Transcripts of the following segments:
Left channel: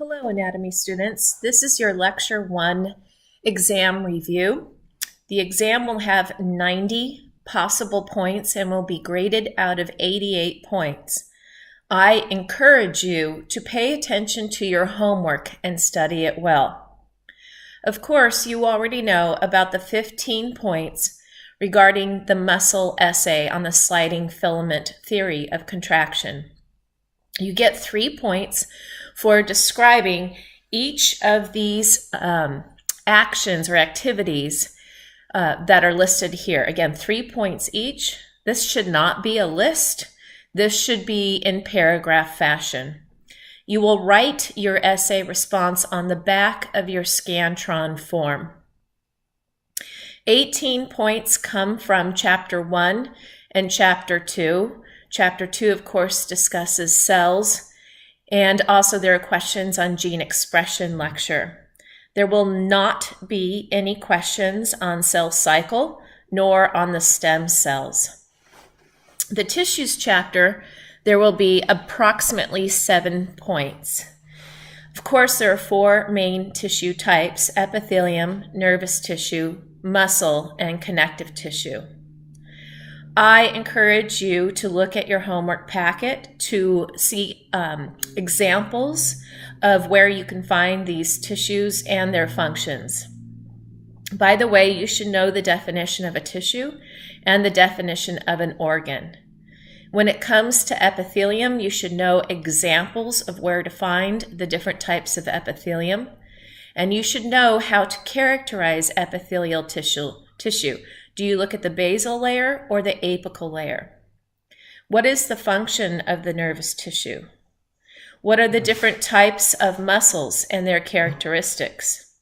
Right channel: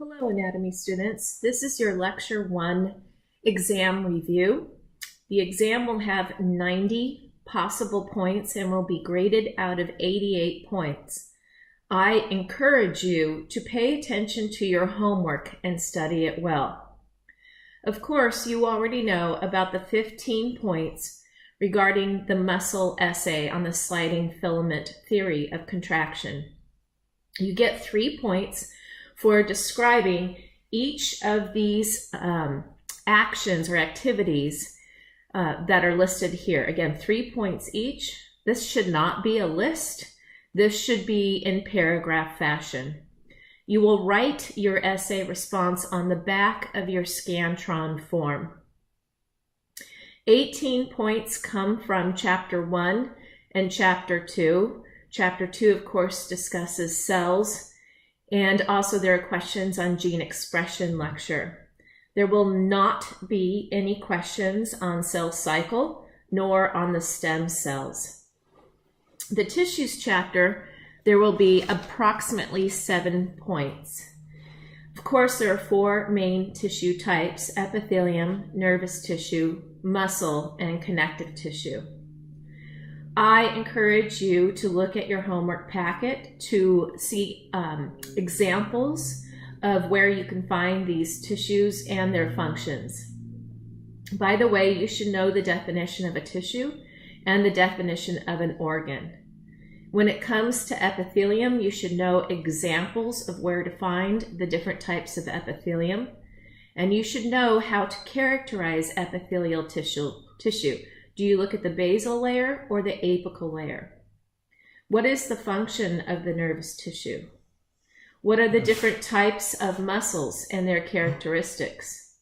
Hello, anatomy students. This is your Lecture 1 exam review. The exam will have 90 possible points and will be graded out of 88 points. I encourage you to pay attention to your homework and study it well. Of course, you already know about the 15 points regarding the muscle essay on the sliding filament theory of contraction. You get 3 points for describing each of these actions or activities that are listed here. Again, 3 points each. This should not be a list. This should be in paragraph fashion. You will write your essay response on the back of your Scantron form. 18 points come from Chapter 1 and Chapter 2. Chapter 2, of course, discusses cells. And also there are questions on gene expression lecture. There will not be any questions on cell cycle, nor on the stem cells. The tissues chapter, there will be approximately 7 points. Of course, there are 4 main tissue types: epithelium, nervous tissue, muscle, and connective tissue. I encourage you to look at your homework packet to see examples of where you can find these tissues and their functions. By the way, you should know the definition of a tissue and the definition of an organ. When it comes to epithelium, you should know examples of where to find the different types of epithelium, and you should know how to characterize epithelial tissue. Do you look at the basal layer or the apical layer? What is the function of the nervous tissue? What are the different types of muscles and their characteristics?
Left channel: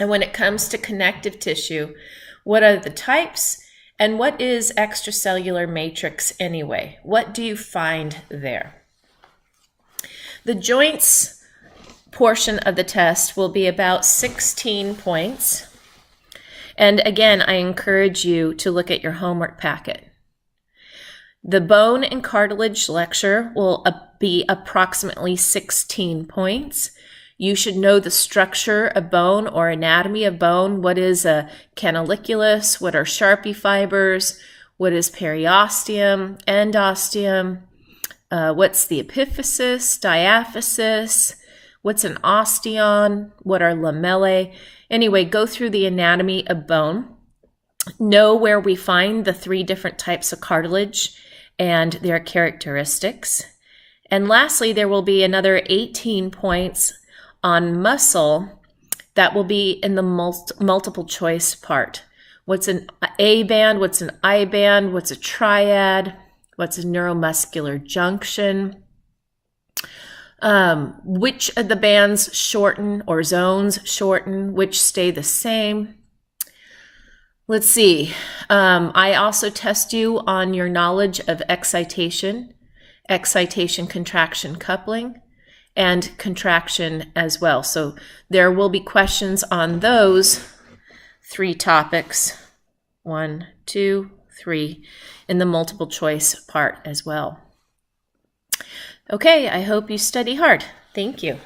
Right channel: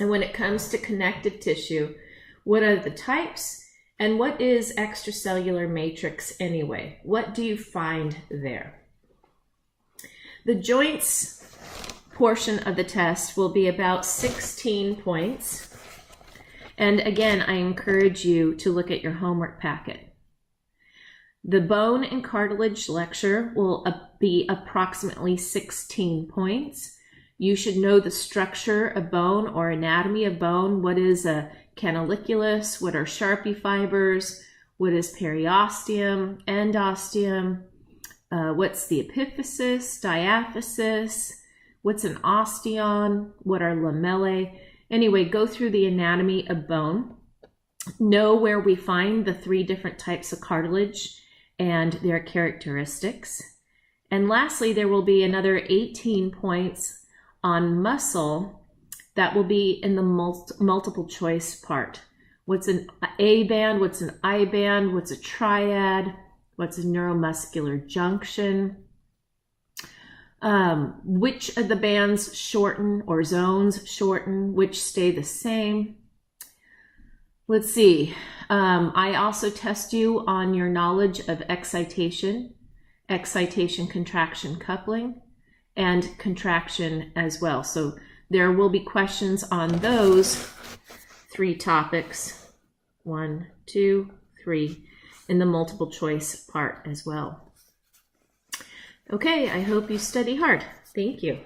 And when it comes to connective tissue, what are the types and what is extracellular matrix anyway? What do you find there? The joints portion of the test will be about 16 points. And again, I encourage you to look at your homework packet. The bone and cartilage lecture will be approximately 16 points. You should know the structure of bone or anatomy of bone. What is a canaliculus? What are Sharpie fibers? What is periosteum, endosteum? What's the epiphysis, diaphysis? What's an osteon? What are lamellae? Anyway, go through the anatomy of bone. Know where we find the 3 different types of cartilage and their characteristics. And lastly, there will be another 18 points on muscle that will be in the multiple choice part. What's an A band? What's an I band? What's a triad? What's a neuromuscular junction? Which of the bands shorten or zones shorten, which stay the same? Let's see. I also test you on your knowledge of excitation, contraction coupling, and contraction as well. So there will be questions on those 3 topics, 1, 2, 3, in the multiple choice part as well. Okay, I hope you study hard. Thank you.